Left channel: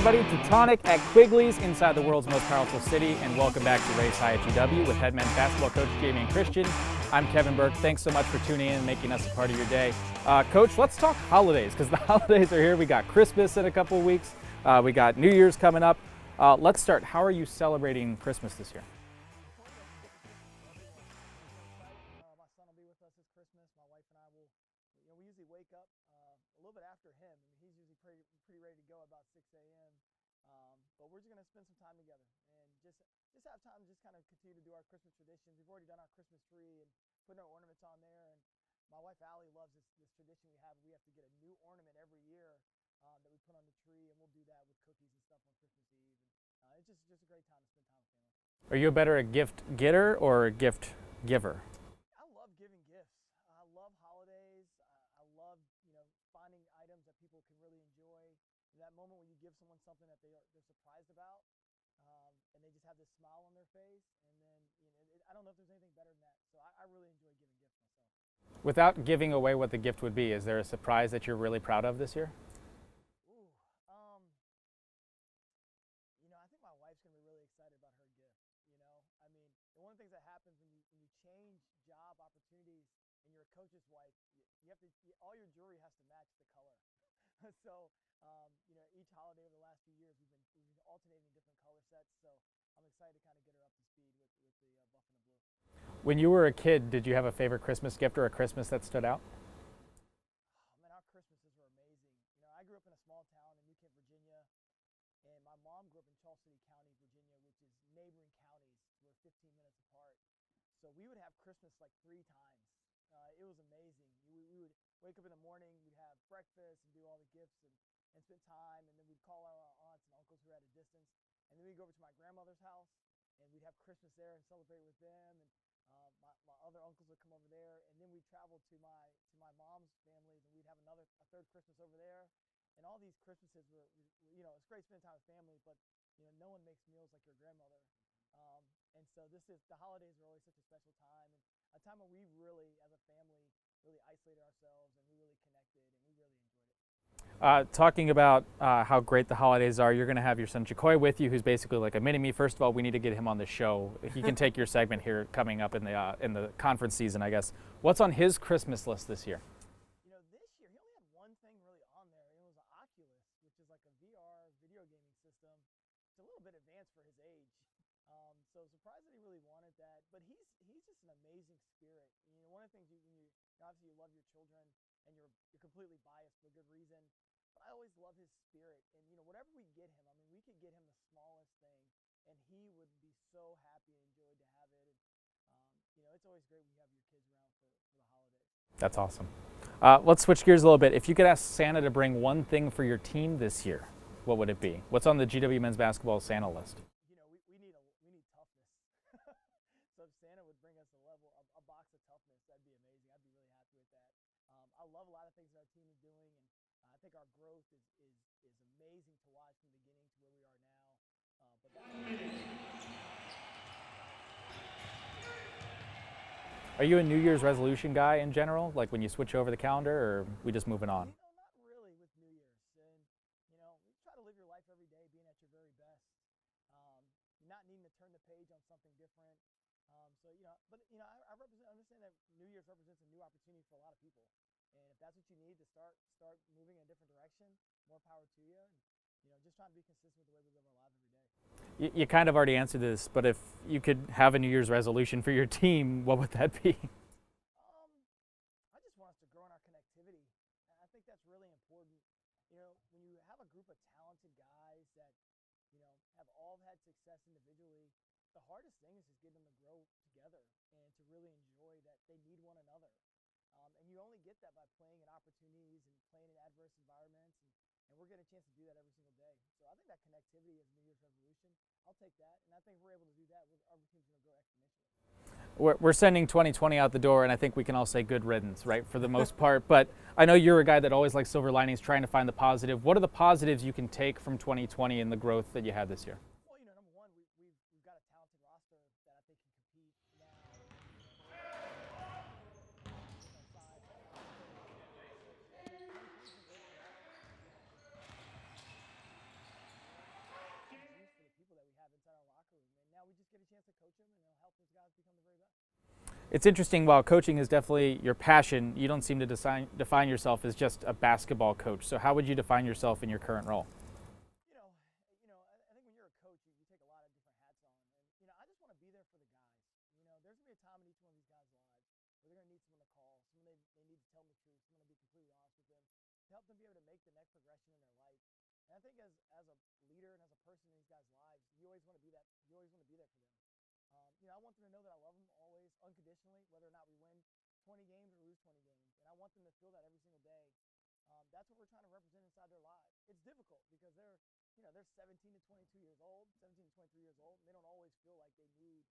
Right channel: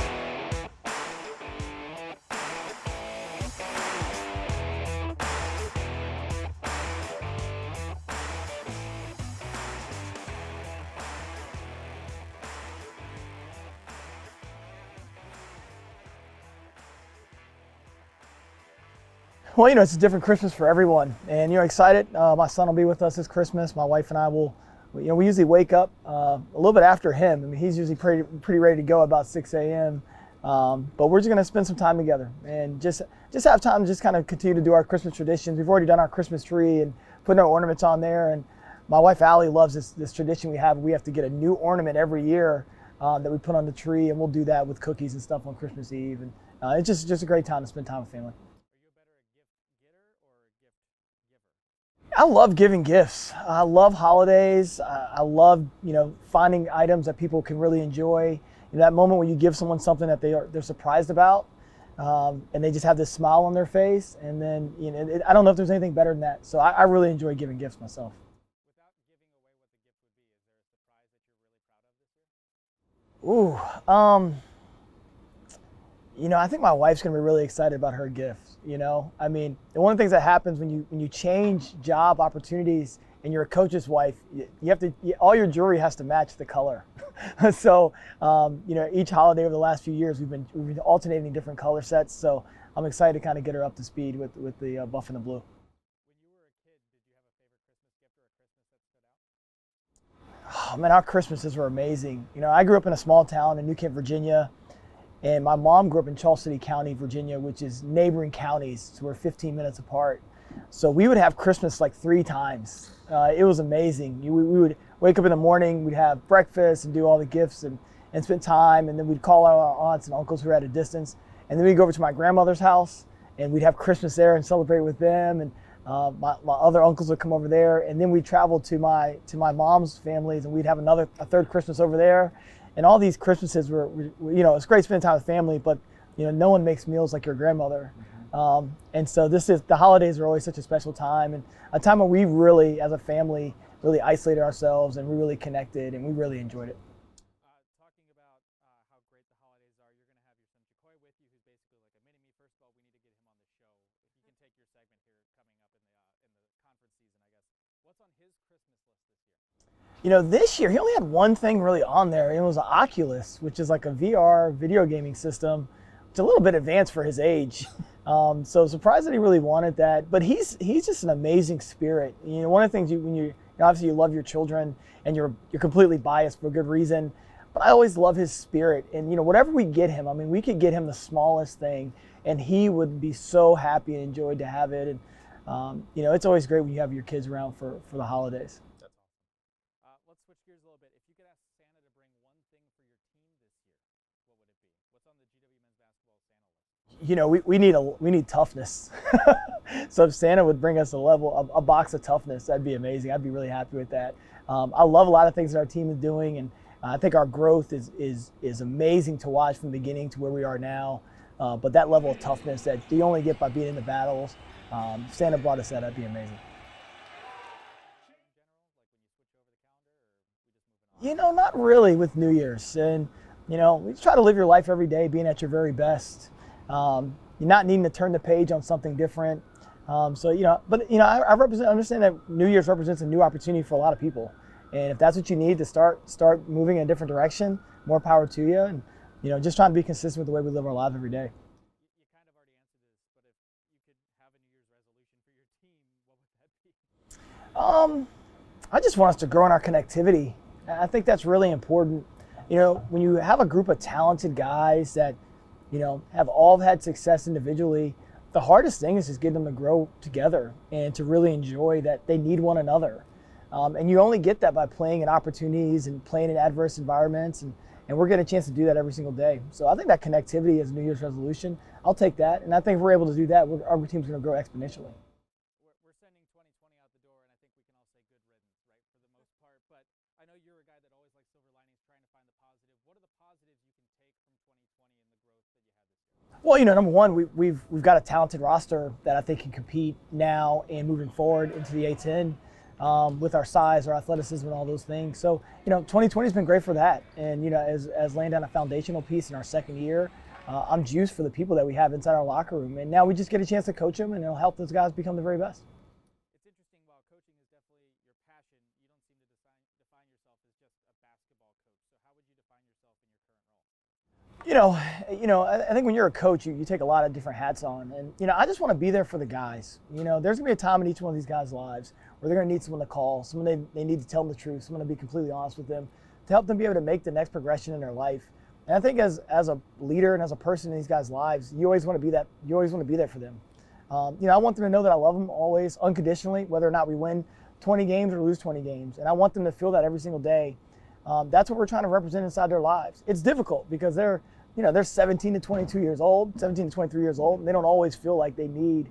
everybody. Teutonic at Quigley's inside the world's most powerful city, and welcome back to Race High at UW with head men's basketball coach Jamie and Christian. I'm Kevin Burke. Thanks so much for tuning in and making us a part of your day. Coach, let's talk holidays, because the holidays are here. We got Christmas in a couple of weeks. We got New Year's coming up. Let's start. How are you celebrating Christmas this year? Well, it's a different Christmas for everyone, and excited. My son will be with us this Christmas. My wife and I will. We usually wake up a little bit after him. I mean, he's usually pretty ready to go about 6 a.m. But we're just going to spend some time together and just have time to just kind of continue to do our Christmas traditions. We've already done our Christmas tree and putting our ornaments on there. And my wife Allie loves this tradition we have. We have to get a new ornament every year that we put on the tree, and we'll do that with cookies and stuff on Christmas Eve. And it's just a great time to spend time with family. Are you better a gift getter or a gift giver? I love giving gifts. I love holidays. I love, finding items that people can really enjoy. That moment when you give someone something that they're surprised about, and they just have this smile on their face. And then, I don't know if there's anything better than that. So I really enjoy giving gifts myself. Without giving away what the gift would be, is there a surprise that you're really proud of this year? Ooh, I think my wife's gonna be really excited about her gift. I mean, one of the things that happens when you change job opportunities and you're a coach's wife, all your jewelry has to match the color. So, each holiday over the last few years, we've been alternating different color sets. So I'm excited to kind of get her up to speed with the buff and the blue. When you were a kid, did you have a favorite Christmas gift or a Christmas that stood out? Oh man, our Christmases were amazing. I grew up in a small town in New Kent, Virginia. And my mom grew up in Charles City County, Virginia, which is neighboring counties, so we're 15 minutes apart. So we would have Christmas like 3 times. It was amazing. We would wake up in the morning, we'd have breakfast and do all the gifts and spend time, and then we'd call out our aunts and uncles who were at a distance. And then we'd go over to my grandmother's house, and we'd have Christmas there and celebrate with them. And my other uncles would come over there, and then we'd travel to my mom's families, and we'd have a third Christmas over there. And all these Christmases were it's great spending time with family, but no one makes meals like your grandmother. And so the holidays are always such a special time, and a time when we really, as a family, really isolated ourselves and we really connected and we really enjoyed it. Talking about how great the holidays are, you're going to have your son Jacoy with you, who's basically like a mini-me. First of all, we need to get him on the show. He can take your segment here coming up in the conference season, I guess. What's on his Christmas list this year? This year he only had one thing really on there, and it was an Oculus, which is like a VR video gaming system. It's a little bit advanced for his age. So surprised that he really wanted that. But he's just an amazing spirit. One of the things when obviously you love your children and you're completely biased for good reason. But I always love his spirit. And whatever we get him, I mean, we could get him the smallest thing, and he would be so happy and enjoyed to have it. And it's always great when you have your kids around for the holidays. That's awesome. Let's switch gears a little bit. If you could ask Santa to bring one thing for your team this year, what would it be? What's on the GW men's basketball Santa list? We need toughness. So if Santa would bring us a box of toughness, that'd be amazing. I'd be really happy with that. I love a lot of things that our team is doing, and I think our growth is amazing to watch from the beginning to where we are now. But that level of toughness that you only get by being in the battles, Santa brought us that'd be amazing. Are you a New Year's resolution guy in general? Like when you switch over the calendar, or we just moving on? Not really with New Year's. And, we try to live your life every day being at your very best. You're not needing to turn the page on something different. I understand that New Year's represents a new opportunity for a lot of people. And if that's what you need to start moving in a different direction, more power to you. And, just trying to be consistent with the way we live our lives every day. You kind of already answered this, but if you could have a New Year's resolution for your team, what would that be? I just want us to grow in our connectivity. I think that's really important. When you have a group of talented guys that, have all had success individually, the hardest thing is just getting them to grow together and to really enjoy that they need one another. And you only get that by playing in opportunities and playing in adverse environments, and we're getting a chance to do that every single day. So I think that connectivity is a New Year's resolution. I'll take that, and I think if we're able to do that, our team's going to grow exponentially. We're sending 2020 out the door, and I think we can all say good riddance, right, for the most part. But I know you're a guy that always likes silver linings, trying to find the positive. What are the positives you can take from 2020 and the growth that you had this year? Well, number one, we've got a talented roster that I think can compete now and moving forward into the A10. with our size, our athleticism, and all those things. So, 2020 has been great for that. And, as laying down a foundational piece in our second year, I'm juiced for the people that we have inside our locker room. And now we just get a chance to coach them, and it'll help those guys become the very best. It's interesting, while coaching is definitely your passion, you don't seem to define yourself as just a basketball coach. So how would you define yourself in your current role? I think when you're a coach, you take a lot of different hats on. And, I just want to be there for the guys. There's going to be a time in each one of these guys' lives where they're going to need someone to call, someone they need to tell them the truth, someone to be completely honest with them, to help them be able to make the next progression in their life. And I think as a leader and as a person in these guys' lives, you always want to be that. You always want to be there for them. I want them to know that I love them always, unconditionally, whether or not we win 20 games or lose 20 games. And I want them to feel that every single day. That's what we're trying to represent inside their lives. It's difficult because they're 17 to 22 years old, 17 to 23 years old, and they don't always feel like they need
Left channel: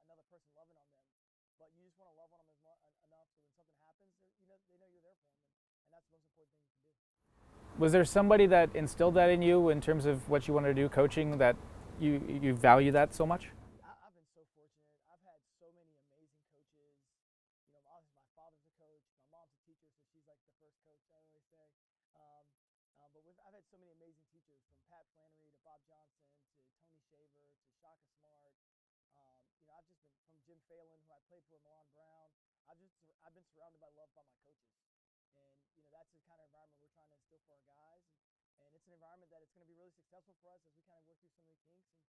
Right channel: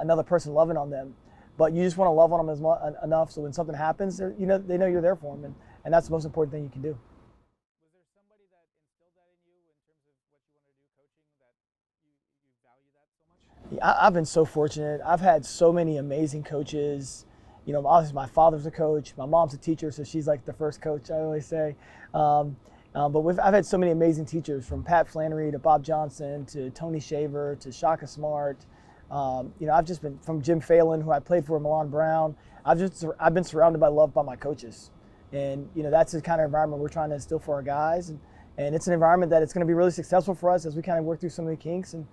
another person loving on them. But you just want to love on them enough so when something happens, they know you're there for them, and that's the most important thing you can do. Was there somebody that instilled that in you in terms of what you wanted to do coaching, that you value that so much? Yeah, I've been so fortunate. I've had so many amazing coaches. Obviously my father's a coach, my mom's a teacher, so she's like the first coach, I always say. But I've had so many amazing teachers, from Pat Flannery to Bob Johnson to Tony Shaver to Shaka Smart. I've just been, from Jim Phelan, who I played for, Milan Brown. I've been surrounded by love by my coaches, and that's the kind of environment we're trying to instill for our guys, and it's an environment that it's going to be really successful for us as we kind of work through some of the kinks. And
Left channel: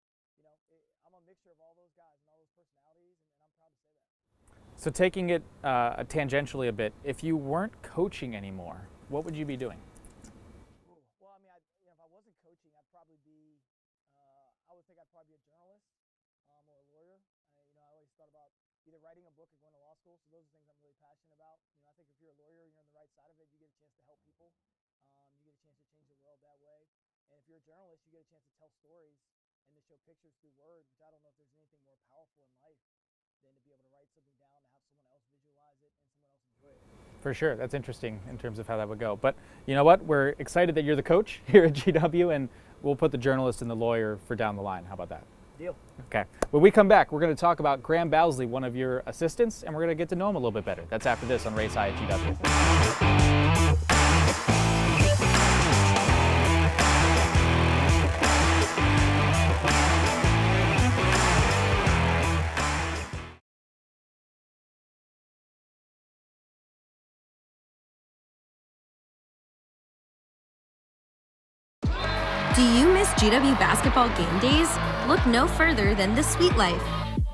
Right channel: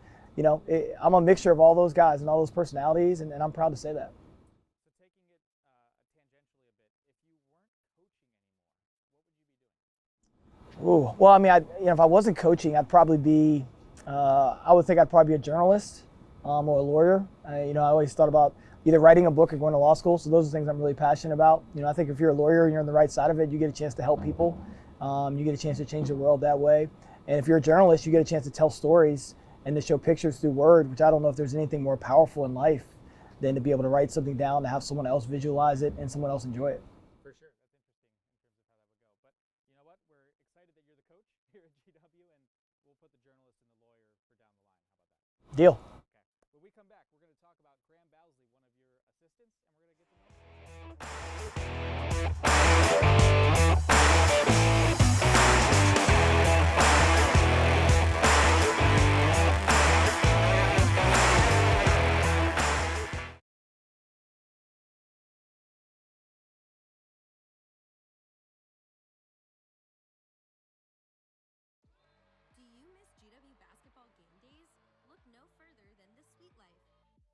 I'm a mixture of all those guys and all those personalities, and I'm proud to say that. So taking it tangentially a bit, if you weren't coaching anymore, what would you be doing? Ooh, well, I mean, if I wasn't coaching, I'd probably be, I would think I'd probably be a journalist or a lawyer. I always thought about either writing a book or going to law school. So those are things I'm really passionate about. I think if you're a lawyer and you're on the right side of it, you get a chance to help people. You get a chance to change the world that way. And if you're a journalist, you get a chance to tell stories and to show pictures through word, which I don't know if there's anything more powerful in life than to be able to write something down, to have someone else visualize it and someone else enjoy it. For sure. That's interesting in terms of how that would go. But you know what? We're excited that you're the coach here at GW, and we'll put the journalist and the lawyer for down the line. How about that? Deal. Okay. When we come back, we're going to talk about Graham Bowsley, one of your assistants, and we're going to get to know him a little bit better. That's after this on Race High at GW. Do you miss GW basketball game days? Look no further than The Sweet Life.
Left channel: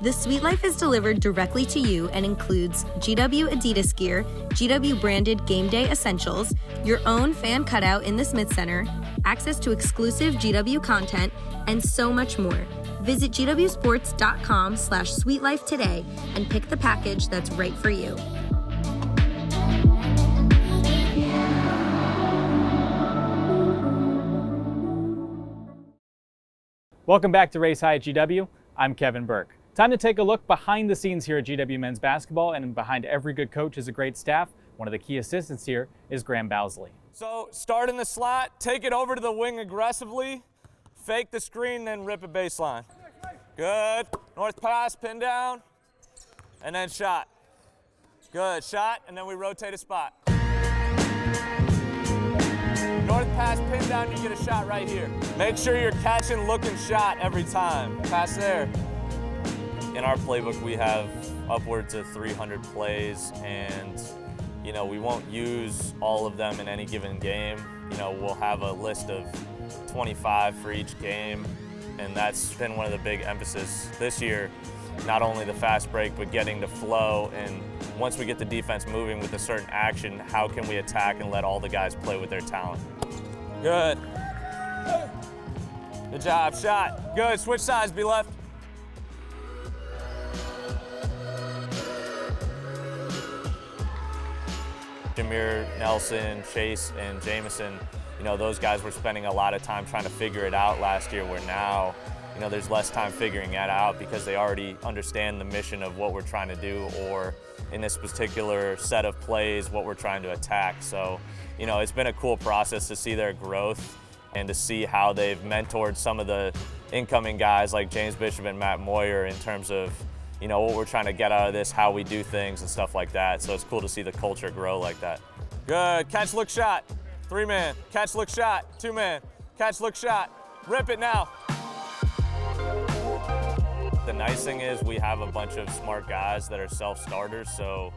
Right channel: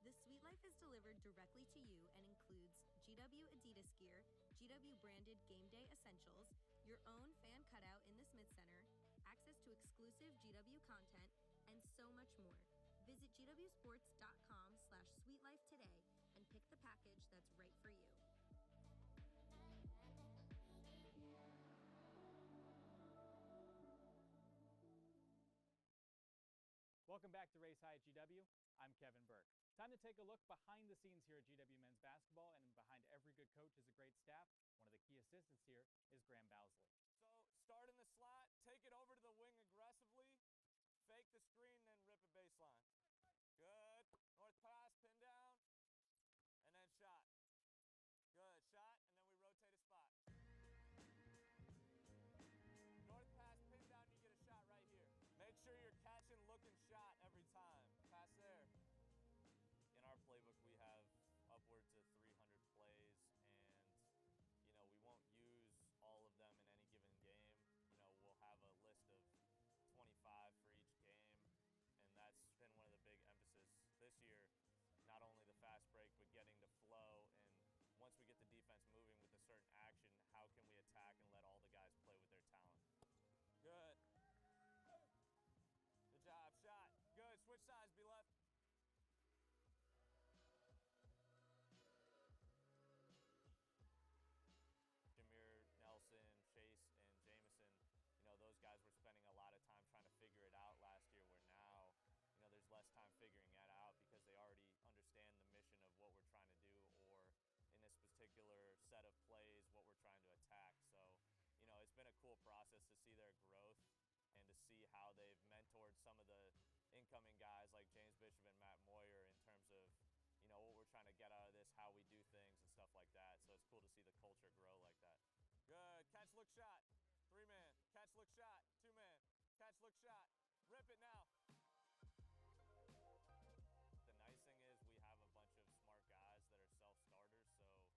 The Sweet Life is delivered directly to you and includes GW Adidas gear, GW branded game day essentials, your own fan cutout in the Smith Center, access to exclusive GW content, and so much more. Visit gwsports.com/sweetlife today and pick the package that's right for you. Welcome back to Race High at GW. I'm Kevin Burke. Time to take a look behind the scenes here at GW men's basketball, and behind every good coach is a great staff. One of the key assistants here is Graham Bowsley. So start in the slot, take it over to the wing aggressively, fake the screen, then rip a baseline. Good. North pass, pin down, and then shot. Good. Shot, and then we rotate a spot. North pass, pin down, you get a shot right here. Make sure you're catching, looking shot every time. Pass there. In our playbook, we have upwards of 300 plays, and we won't use all of them in any given game. We'll have a list of 25 for each game, and that's been one of the big emphasis this year. Not only the fast break, but getting to flow, and once we get the defense moving with a certain action, how can we attack and let all the guys play with their talent? Good. Good job, shot. Good, switch sides, be left. Jameer, Nelson, Chase, and Jameson, those guys were spending a lot of time trying to figure it out last year, where now, there's less time figuring that out because they already understand the mission of what we're trying to do, or in this particular set of plays, what we're trying to attack. So, it's been a cool process to see their growth and to see how they've mentored some of the incoming guys like James Bishop and Matt Moyer in terms of, what we're trying to get out of this, how we do things and stuff like that. So it's cool to see the culture grow like that. Good, catch, look, shot, 3-man, catch, look, shot, 2-man, catch, look, shot, rip it now. The nice thing is we have a bunch of smart guys that are self-starters, so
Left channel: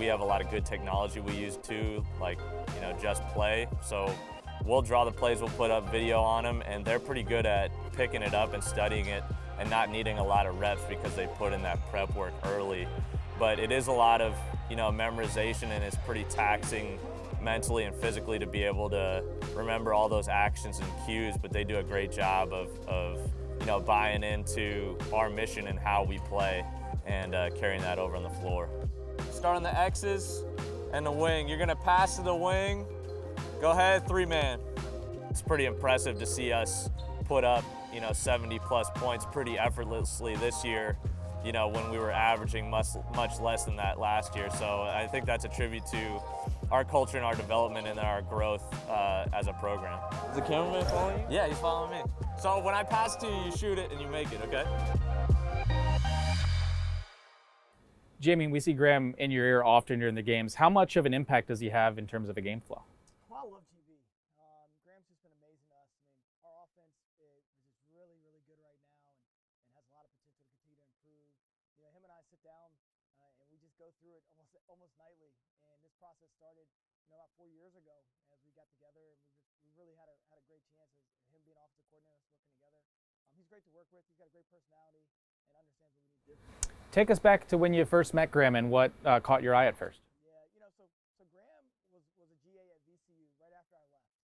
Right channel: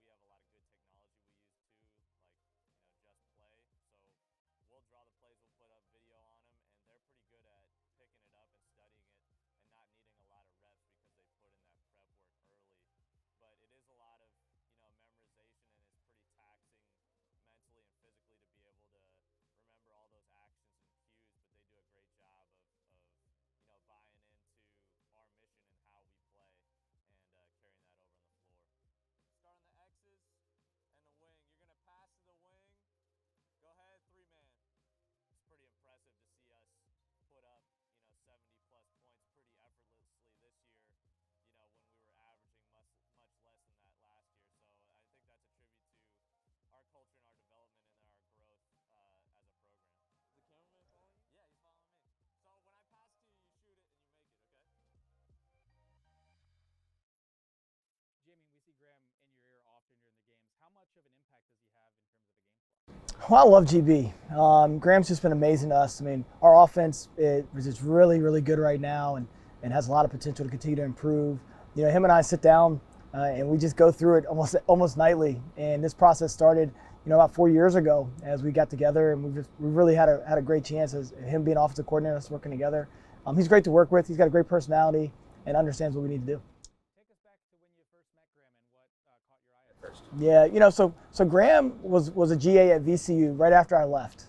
we have a lot of good technology we use too, like just play. So we'll draw the plays, we'll put up video on them, and they're pretty good at picking it up and studying it and not needing a lot of reps because they put in that prep work early. But it is a lot of memorization, and it's pretty taxing mentally and physically to be able to remember all those actions and cues, but they do a great job of buying into our mission and how we play and carrying that over on the floor. Start on the X's and the wing. You're gonna pass to the wing. Go ahead, 3-man. It's pretty impressive to see us put up 70 plus points pretty effortlessly this year, when we were averaging much less than that last year. So I think that's a tribute to our culture and our development and our growth as a program. Is the cameraman following you? Yeah, he's following me. So when I pass to you, you shoot it and you make it, okay? Jamie, we see Graham in your ear often during the games. How much of an impact does he have in terms of a game flow? Well, I love GB. Graham's just been amazing to us. I mean, our offense is just really, really good right now and has a lot of potential to continue to improve. Him and I sit down and we just go through it almost nightly. And this process started, about 4 years ago as we got together, and we really had a great chance as him being offensive coordinator, us working together. He's great to work with. He's got a great personality and understands what we need to do. Take us back to when you first met Graham and what caught your eye at first. Yeah, so Graham was a GA at VCU right after I left.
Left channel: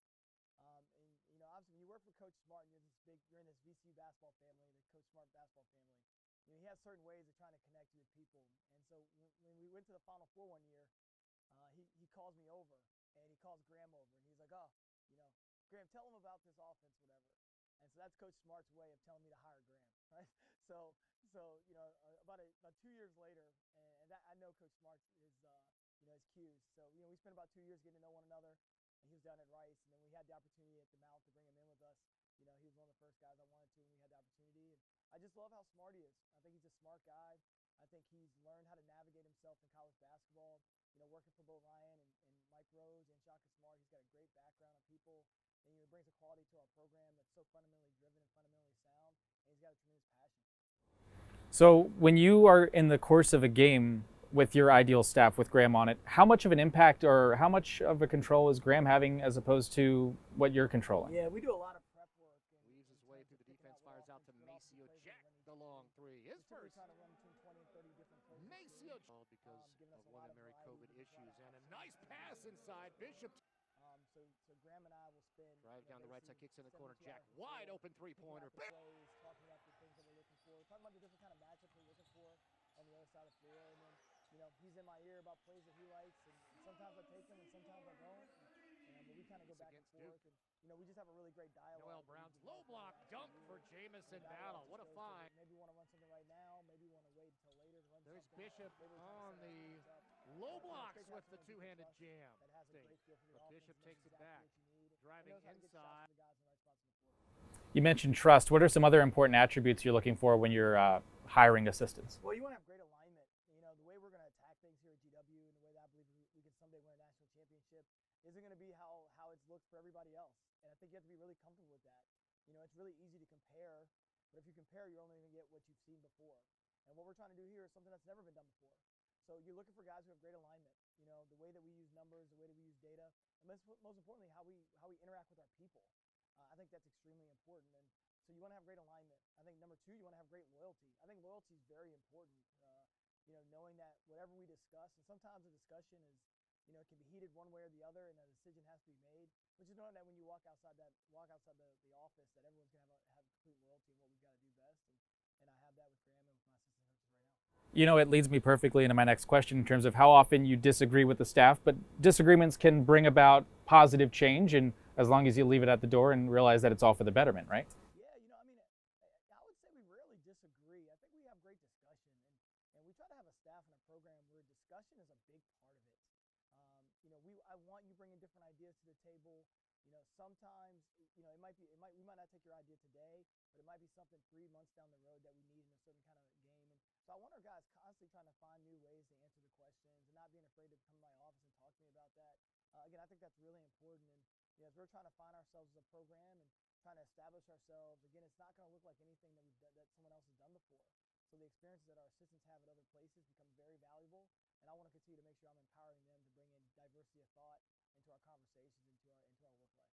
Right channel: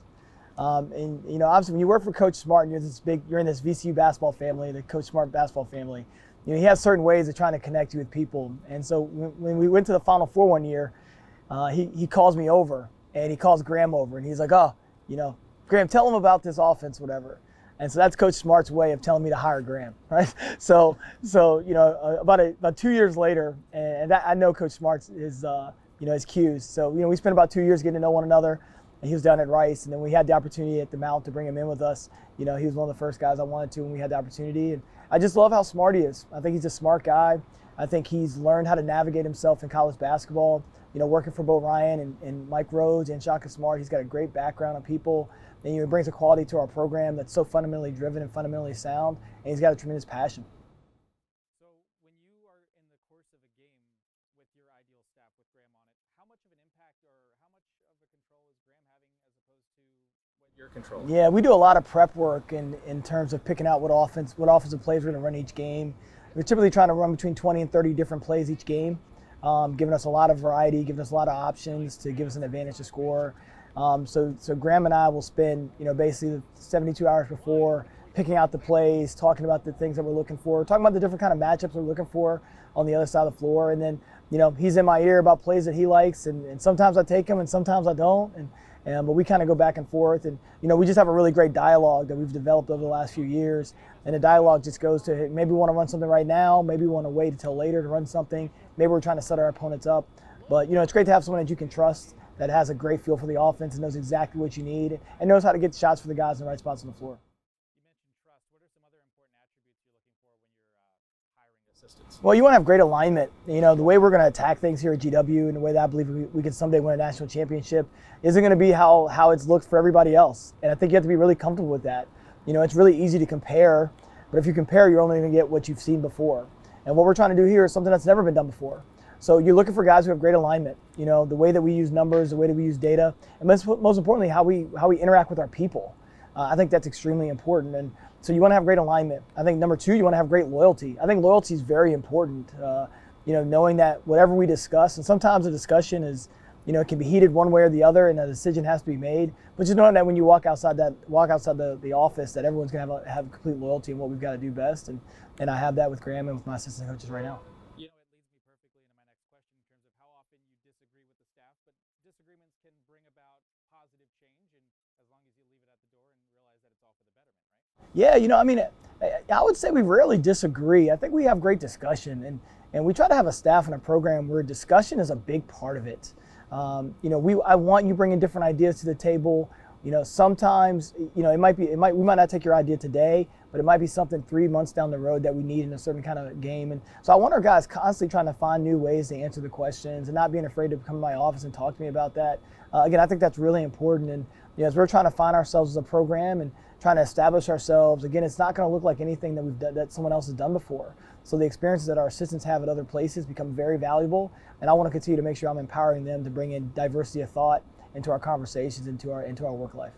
And obviously when you work for Coach Smart and you're in this VCU basketball family, the Coach Smart basketball family, he has certain ways of trying to connect you with people. And so when we went to the Final Four one year, he calls me over and he calls Graham over and he's like, Graham, tell him about this offense, whatever. And so that's Coach Smart's way of telling me to hire Graham, right? So about 2 years later, and that, I know Coach Smart's his cues. So we spent about 2 years getting to know one another, and he was down at Rice, and then we had the opportunity at the Mount to bring him in with us. He was one of the first guys I wanted to when we had the opportunity, and I just love how smart he is. I think he's a smart guy. I think he's learned how to navigate himself in college basketball. Working for Bo Ryan and Mike Rhodes and Shaka Smart, he's got a great background on people. And he brings a quality to our program that's so fundamentally driven and fundamentally sound, and he's got a tremendous passion. So when you are in the course of a game with your ideal staff, with Graham on it, how much of an impact or how much of a control is Graham having as opposed to what you're controlling? Yeah, we do a lot of prep work in terms of picking out what offensive plays we're going to run each game. We're typically trying to run between 20 and 30 different plays each game, giving us a lot of variety, giving us a lot of options to give us an advantage to score. So Graham and I will spend, basically 72 hours before picking out the plays, talking about the things that we're looking for, talking about the different kind of matchups we're looking for on the other side of the floor. And then, he's in my ear about plays that he likes, and sometimes I take them and sometimes I don't. But we kind of go back and forth, and we just have a really great dialogue that we've developed over the last few years. And the dialogue just goes to, hey, maybe we want to run something right now, maybe we want to wait until later to run something, maybe we're trying to set our opponents up. But it's great to have someone that you can trust, that has a great feel for the offense and knows exactly what you need and knows how to get shots for the guys in the right spots on the floor. You mentioned trust. What are some other important attributes you're looking for when you're hiring assistants? Well, you want to have great alignment. The way we're going to attack things here at GW and the way that I believe we can someday win a national championship isn't going to be how it's looked for everybody else. And I think you have to be really comfortable with that. It's really easy to compare, but if you compare, you're only going to get what you've seen before. And what we're trying to do here is something that's never been done before. So you're looking for guys who have great alignment, the way that we use numbers, the way that we use data, and most importantly, how we interact with our people. I think that's extremely important. And so you want to have great alignment. I think number two, you want to have great loyalty. I think loyalty is very important, knowing that whatever we discuss, and sometimes a discussion is, it can be heated one way or the other and a decision has to be made, but just knowing that when you walk outside the office, that everyone's going to have complete loyalty in what we've got to do best. And I have that with Graham and with my assistant coaches right now. It leads me perfectly into my next question in terms of how often you disagree with the staff, but disagreements can bring about positive change, and as long as you leave it at the door and realize that it's all for the betterment, right? Yeah, I would say we rarely disagree. I think we have great discussion, and we try to have a staff and a program where discussion is a big part of it. I want you bringing different ideas to the table. Sometimes, we might not take your idea today, but it might be something 3 months down the road that we need in a certain kind of game. And so I want our guys constantly trying to find new ways to answer the questions and not being afraid to come to my office and talk to me about that. Again, I think that's really important. And as we're trying to find ourselves as a program and trying to establish ourselves, again, it's not going to look like anything that we've done, that someone else has done before. So the experiences that our assistants have at other places become very valuable, and I want to continue to make sure I'm empowering them to bring in diversity of thought into our conversations, into our work life.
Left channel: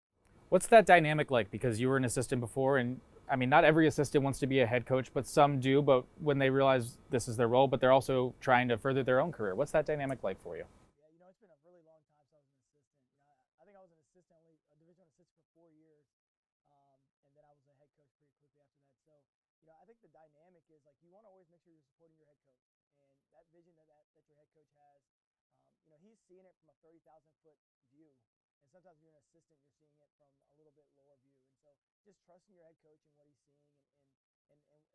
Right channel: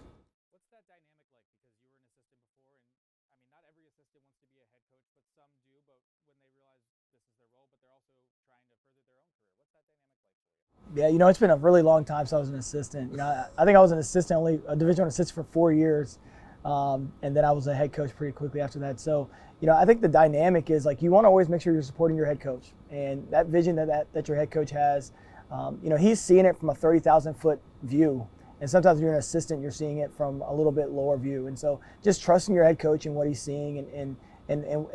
What's that dynamic like? Because you were an assistant before, and I mean, not every assistant wants to be a head coach, but some do. But when they realize this is their role, but they're also trying to further their own career. What's that dynamic like for you? Yeah, it's been a really long time since I was an assistant. I think I was an assistant, only a Division I assistant for 4 years, and then I was a head coach pretty quickly after that. So, I think the dynamic is like you want to always make sure you're supporting your head coach, and that vision that your head coach has. He's seeing it from a 30,000-foot view. And sometimes when you're an assistant, you're seeing it from a little bit lower view. And so just trusting your head coach and what he's seeing and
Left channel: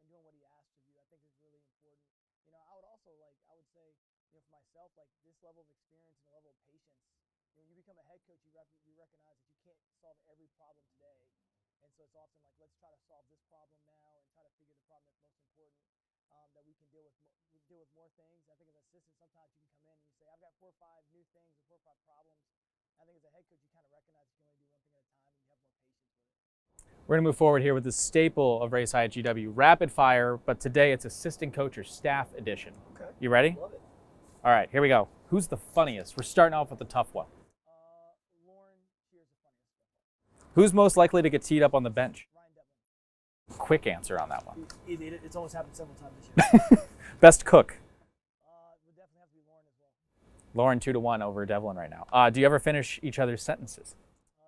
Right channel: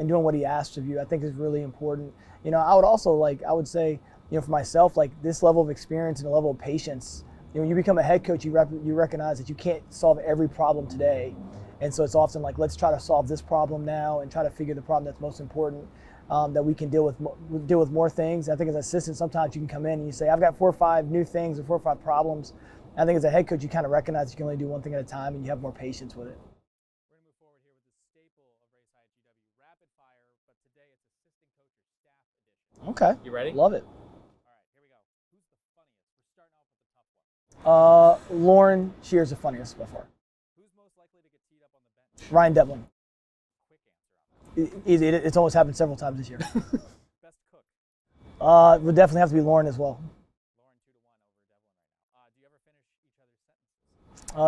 doing what he asks of you, I think is really important. I would also I would say, for myself, like this level of experience and a level of patience, when you become a head coach, you recognize that you can't solve every problem today. And so it's often like, let's try to solve this problem now and try to figure the problem that's most important, that we can deal with more things. I think as an assistant, sometimes you can come in and you say, I've got 4 or 5 new things or 4 or 5 problems. I think as a head coach, you kind of recognize you can only do one thing at a time and you have more patience with it. We're going to move forward here with the staple of Race High at GW, rapid fire, but today it's assistant coach or staff edition. Okay. You ready? Love it. All right, here we go. Who's the funniest? We're starting off with a tough one. Lauren Shear's the funniest by far. Who's most likely to get teed up on the bench? Ryan Devlin. Quick answer on that one. It's almost happened several times this year. Best cook? Would definitely have to be Lauren as well. Lauren 2-1 over Devlin right now. Do you ever finish each other's sentences?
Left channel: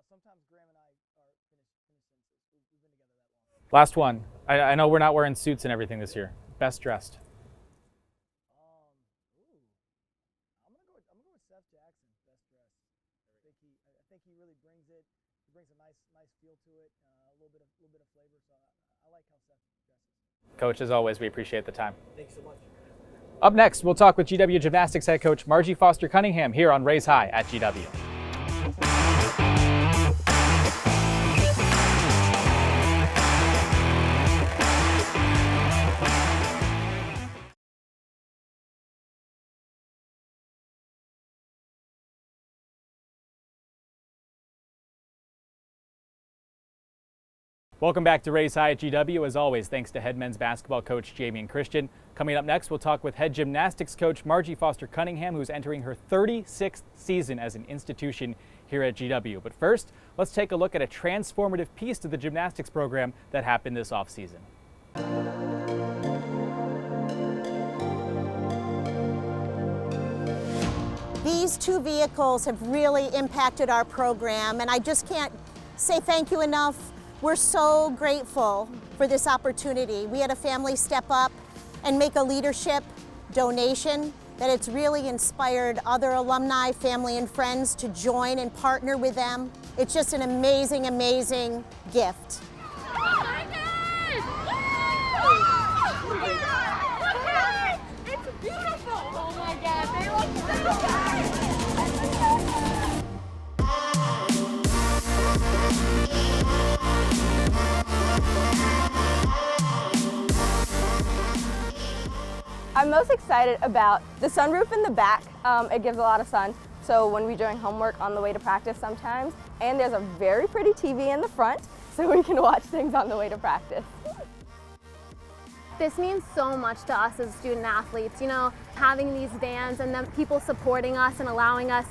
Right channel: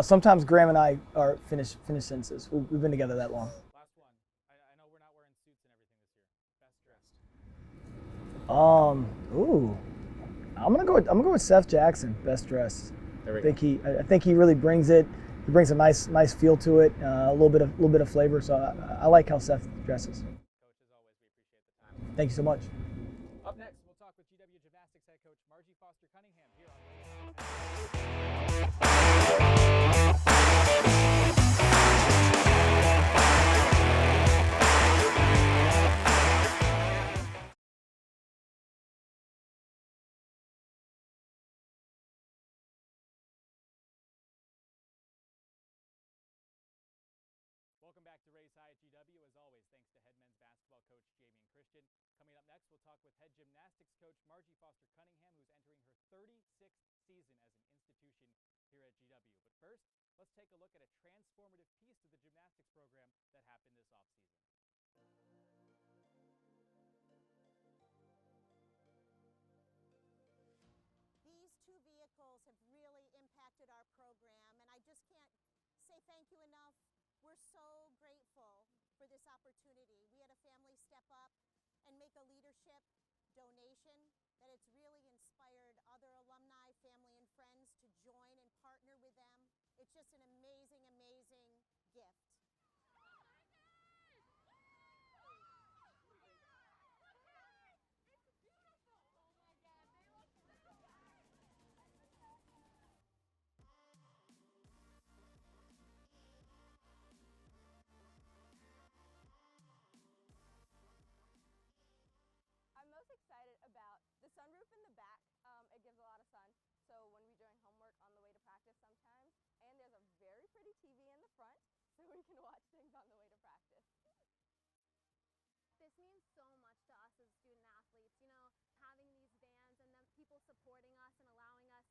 Sometimes Graham and I are finish sentences. We've been together that long. Last one. I know we're not wearing suits and everything this year. Best dressed? I'm gonna go with Seth Jackson. Best dressed. There we go. I think he really brings it. He brings a nice feel to it. A little bit of flavor. So I like how Seth dresses. Coach, as always, we appreciate the time. Thank you so much. Up next, we'll talk with GW Gymnastics head coach Margie Foster Cunningham here on Raise High at GW. Welcome back to Raise High at GW. As always, thanks to head men's basketball coach Jamie and Christian. Coming up next, we'll talk with head gymnastics coach Margie Foster Cunningham, who's entering her 36th season as an institution here at GW. But first, let's take a look at a transformative piece to the gymnastics program that happened this offseason. These 2 vehicles have really impacted our program, and I just can't say thank you enough. We're so grateful for this opportunity. We had a family step up and make a leadership donation that it's really inspired other alumni, family, and friends to join and partner with them. It's just an amazing, amazing gift. Oh my God! Oh my God! It's beautiful! Oh my God, they look so good! I'm most excited about the sunroof in the back. It gives a lot of sun, so when we're doing homework on the way to practice sometimes, and there's a very pretty TV in the front, so we can watch things on the way to practice. This means so much to us as student athletes, having these vans and then people supporting us and allowing us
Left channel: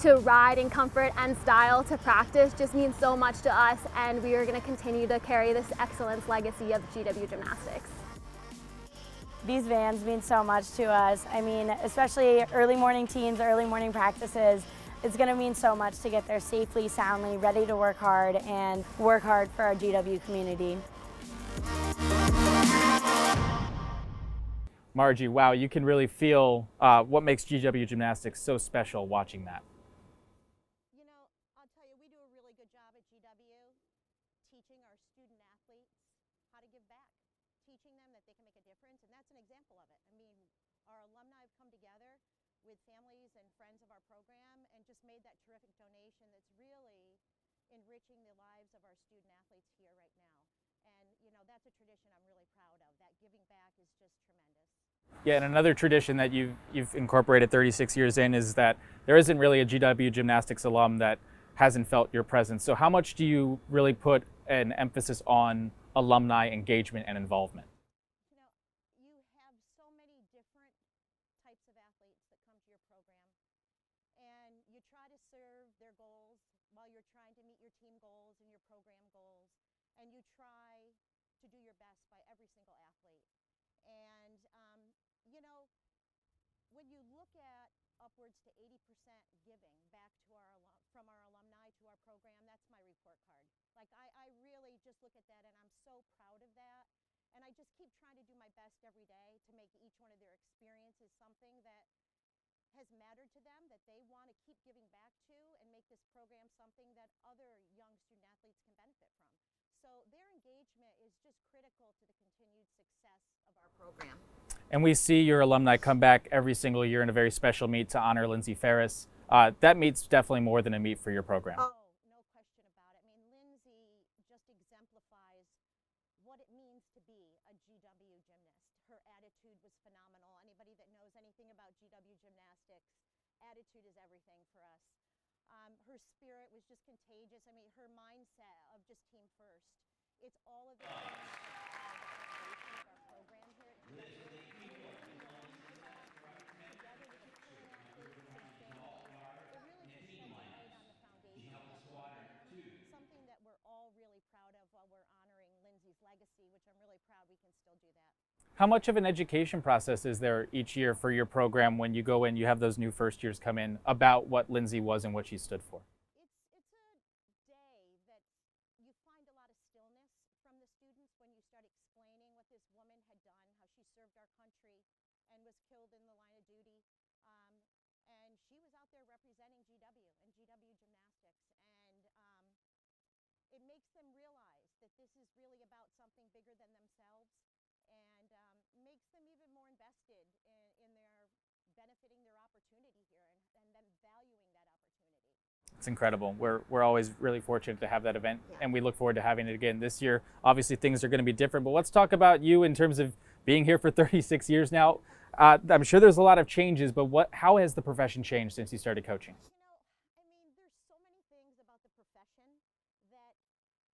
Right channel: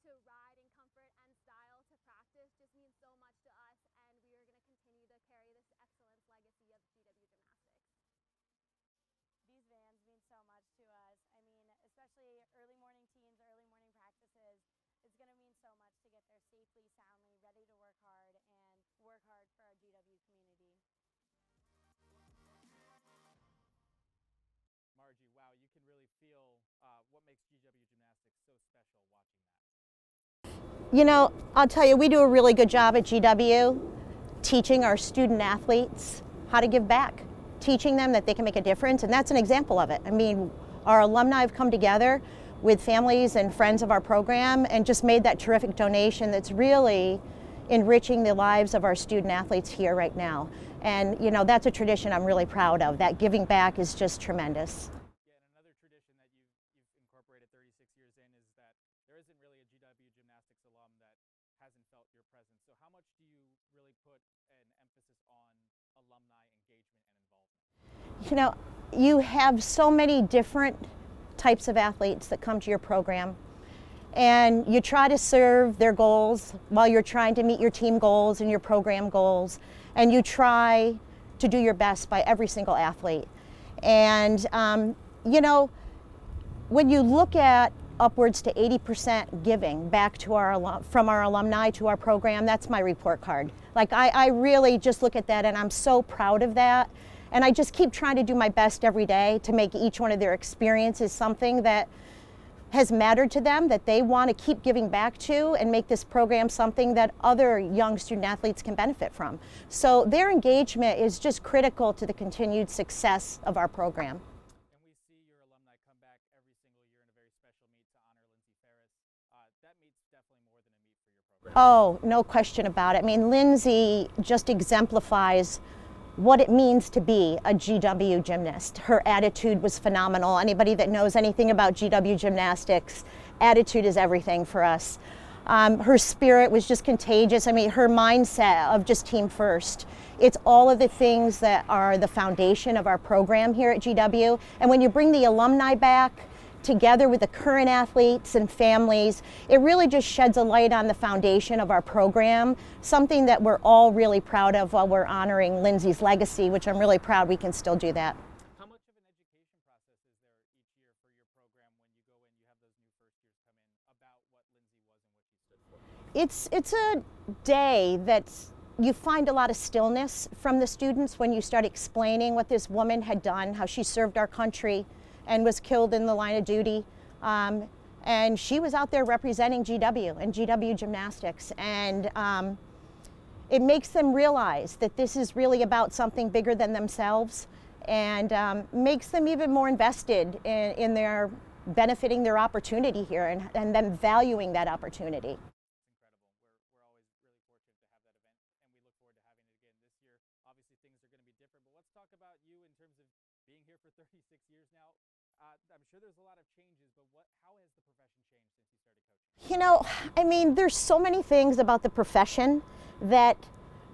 to ride in comfort and style to practice just means so much to us, and we are going to continue to carry this excellence legacy of GW Gymnastics. These vans mean so much to us. I mean, especially early morning teams, early morning practices. It's going to mean so much to get there safely, soundly, ready to work hard and work hard for our GW community. Margie, wow, you can really feel what makes GW Gymnastics so special watching that. I'll tell you, we do a really good job at GW teaching our student athletes how to give back, teaching them that they can make a difference, and that's an example of it. I mean, our alumni have come together with families and friends of our program and just made that terrific donation that's really enriching the lives of our student athletes here right now. And that's a tradition I'm really proud of. That giving back is just tremendous. Yeah, and another tradition that you've incorporated 36 years in is that there isn't really a GW Gymnastics alum that hasn't felt your presence. So how much do you really put an emphasis on alumni engagement and involvement? You have so many different types of athletes that come to your program, and you try to serve their goals while you're trying to meet your team goals and your program goals, and you try to do your best by every single athlete. And when you look at upwards to 80% giving back to from our alumni to our program, that's my report card. Like I really just look at that, and I'm so proud of that. And I just keep trying to do my best every day to make each one of their experiences something that has mattered to them, that they want to keep giving back to, and make this program something that other young student athletes can benefit from. So their engagement is just critical to the continued success of our program. And we see your alumni come back every single year in a very special meet to honor Lindsay Ferris. That meet's definitely more than a meet for your program. Oh, no question about it. I mean, Lindsay just exemplifies what it means to be a GW gymnast. Her attitude was phenomenal. Anybody that knows anything about GW gymnastics, attitude is everything for us. Her spirit was just contagious. I mean, her mindset of just team first. It's all of the things that are the foundation of our program here at GW. And when you bring the alumni back together with the current athletes and families, it really just sheds a light on the foundation of our program, something that we're all really proud of while we're honoring Lindsay's legacy, which I'm really proud we can still do that. How much of an education process is there each year for your program when you go in, you have those new first years come in, about what Lindsay was and what she stood for? It's a day that's, you find a lot of stillness from the students when you start explaining what this woman had done, how she served our country and was killed in the line of duty. And she was out there representing GW and GW Gymnastics. And it makes them realize that this is really about something bigger than themselves, and makes them even more invested in their benefiting their opportunity here, and them valuing that opportunity. It's incredible. We're always really fortunate to have that event, and we look forward to having it again this year. Obviously, things are going to be different, but let's talk about you in terms of being here for 36 years now. I'm sure there's a lot of changes, but how has the profession changed since you started coaching? I mean, there's so many things about the profession that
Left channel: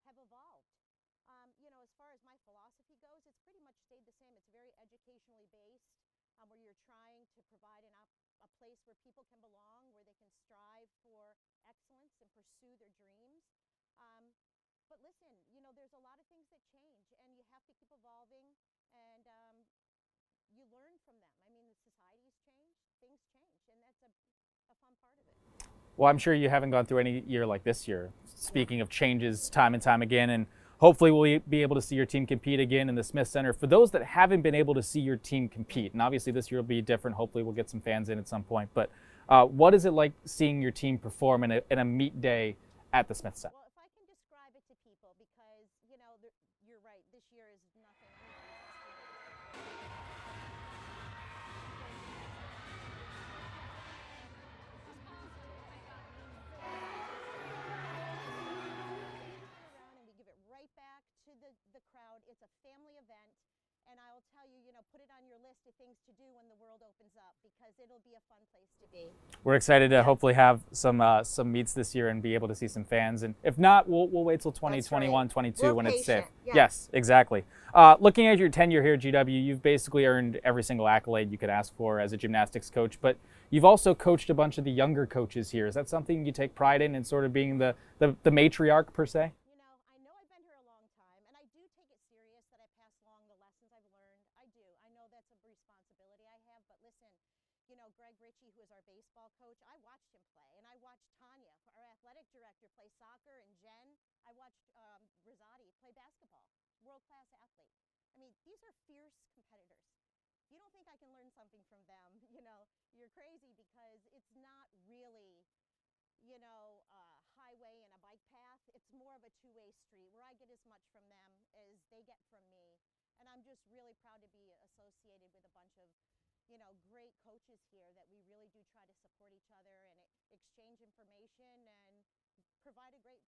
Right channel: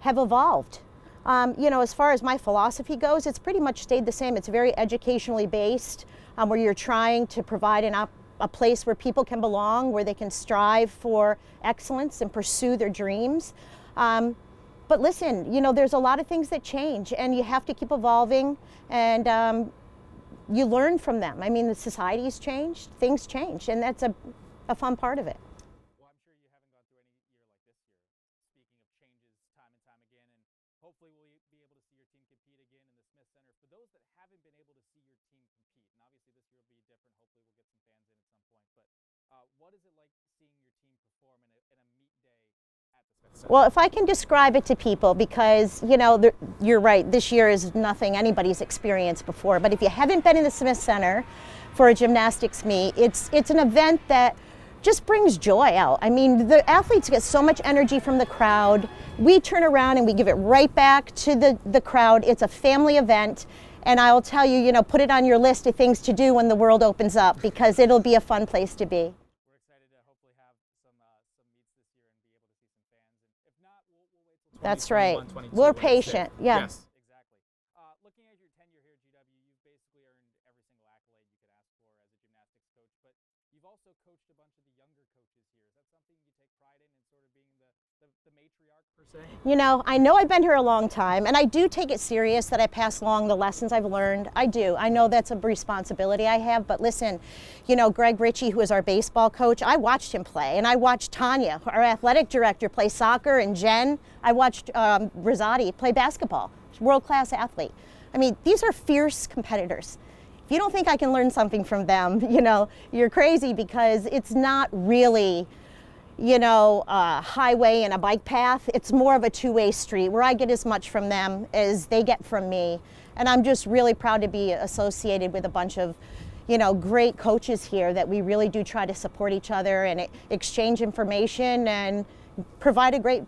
have evolved. As far as my philosophy goes, it's pretty much stayed the same. It's very educationally based, where you're trying to provide a place where people can belong, where they can strive for excellence and pursue their dreams. But listen, there's a lot of things that change, and you have to keep evolving, and you learn from them. I mean, the society's changed, things change, and that's a fun part of it. Well, I'm sure you haven't gone through any year like this year. Speaking of changes time and time again, and hopefully we'll be able to see your team compete again in the Smith Center. For those that haven't been able to see your team compete, and obviously this year will be different, hopefully we'll get some fans in at some point, but what is it like seeing your team perform in a meet day at the Smith Center? Well, if I can describe it to people, because you're right, this year is nothing anybody's experienced before, but if you haven't been in the Smith Center for a gymnastics meet, it's an event that just brings joy out. I mean, the athletes get so much energy from the crowd. We turn around and we give it right back to the crowd. It's a family event, and I'll tell you, put it on your list of things to do when the world opens up, because it'll be a fun place to be. We're excited to hopefully have some meets this year and be able to see some fans. And if not, we'll wait till 2021, 22. We're when patient. It's safe. Yeah. Yes, exactly. Looking at your tenure here at GW, you've basically earned every single accolade you could ask for as a gymnastics coach, but you've also coached a bunch of the younger coaches here. Is that something you take pride in sort of being the matriarch per se? I know I've been here a long time, and I do take it serious that I pass along the lessons I've learned. I do. I know that's a responsibility I have, but listen, Greg Ritchie, who is our baseball coach, I watched him play, and I watched Tanya, our athletic director, play soccer, and Jen, I watched Rosati play basketball. World-class athlete. I mean, these are fierce competitors. If you don't think I can learn something from them, you're crazy, because it's not really, a highway and a bike path. It's more of a two-way street where I get as much from them as they get from me. And I'm just really proud to be associated with a bunch of, great coaches here that we really do try to support each other and exchange information and provide a great,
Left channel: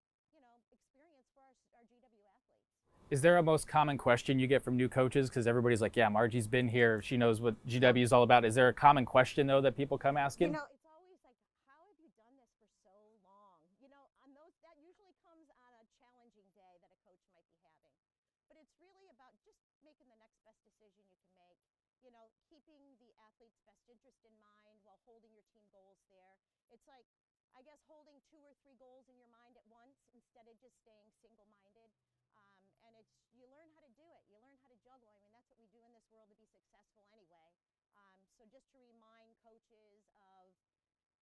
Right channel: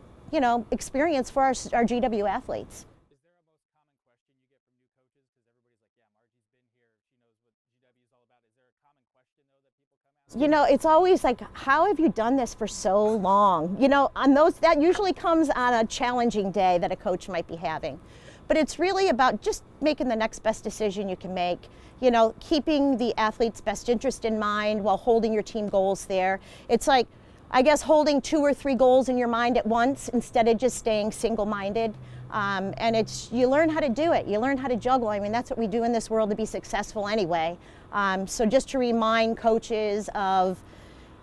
experience for our GW athletes. Is there a most common question you get from new coaches? Because everybody's like, yeah, Margie's been here. She knows what GW is all about. Is there a common question, though, that people come asking? You know, it's always like, how have you done this for so long? You know, on those, that usually comes on a challenging day that a coach might be having. But it's really about just making the next best decision you can make. You know, keeping the athlete's best interest in mind while holding your team goals there. It's like, I guess, holding 2 or 3 goals in your mind at once instead of just staying single-minded. And it's, you learn how to do it. You learn how to juggle. I mean, that's what we do in this world to be successful anyway. So just to remind coaches of,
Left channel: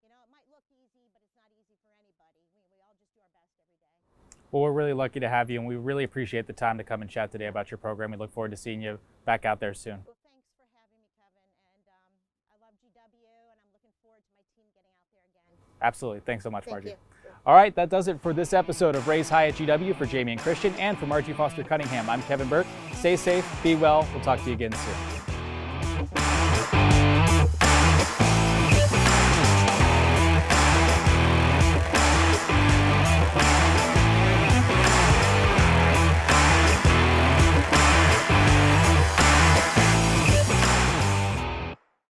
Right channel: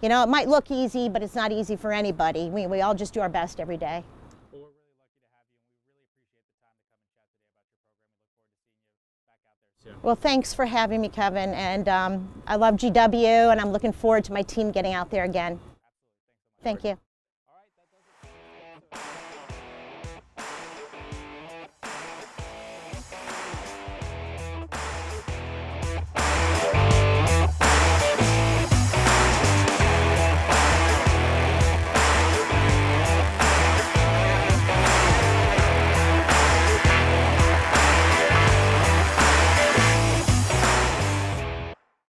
you know, it might look easy, but it's not easy for anybody. We all just do our best every day. Well, we're really lucky to have you, and we really appreciate the time to come and chat today about your program. We look forward to seeing you back out there soon. Well, thanks for having me, Kevin. And I love GW, and I'm looking forward to my team getting out there again. Absolutely. Thanks so much, Thank Margie. you. All right, that does it for this episode of Raise High at GW. For Jamie and Christian and for Margie Foster Cunningham, I'm Kevin Burke. Stay safe, be well. We'll talk to you again soon.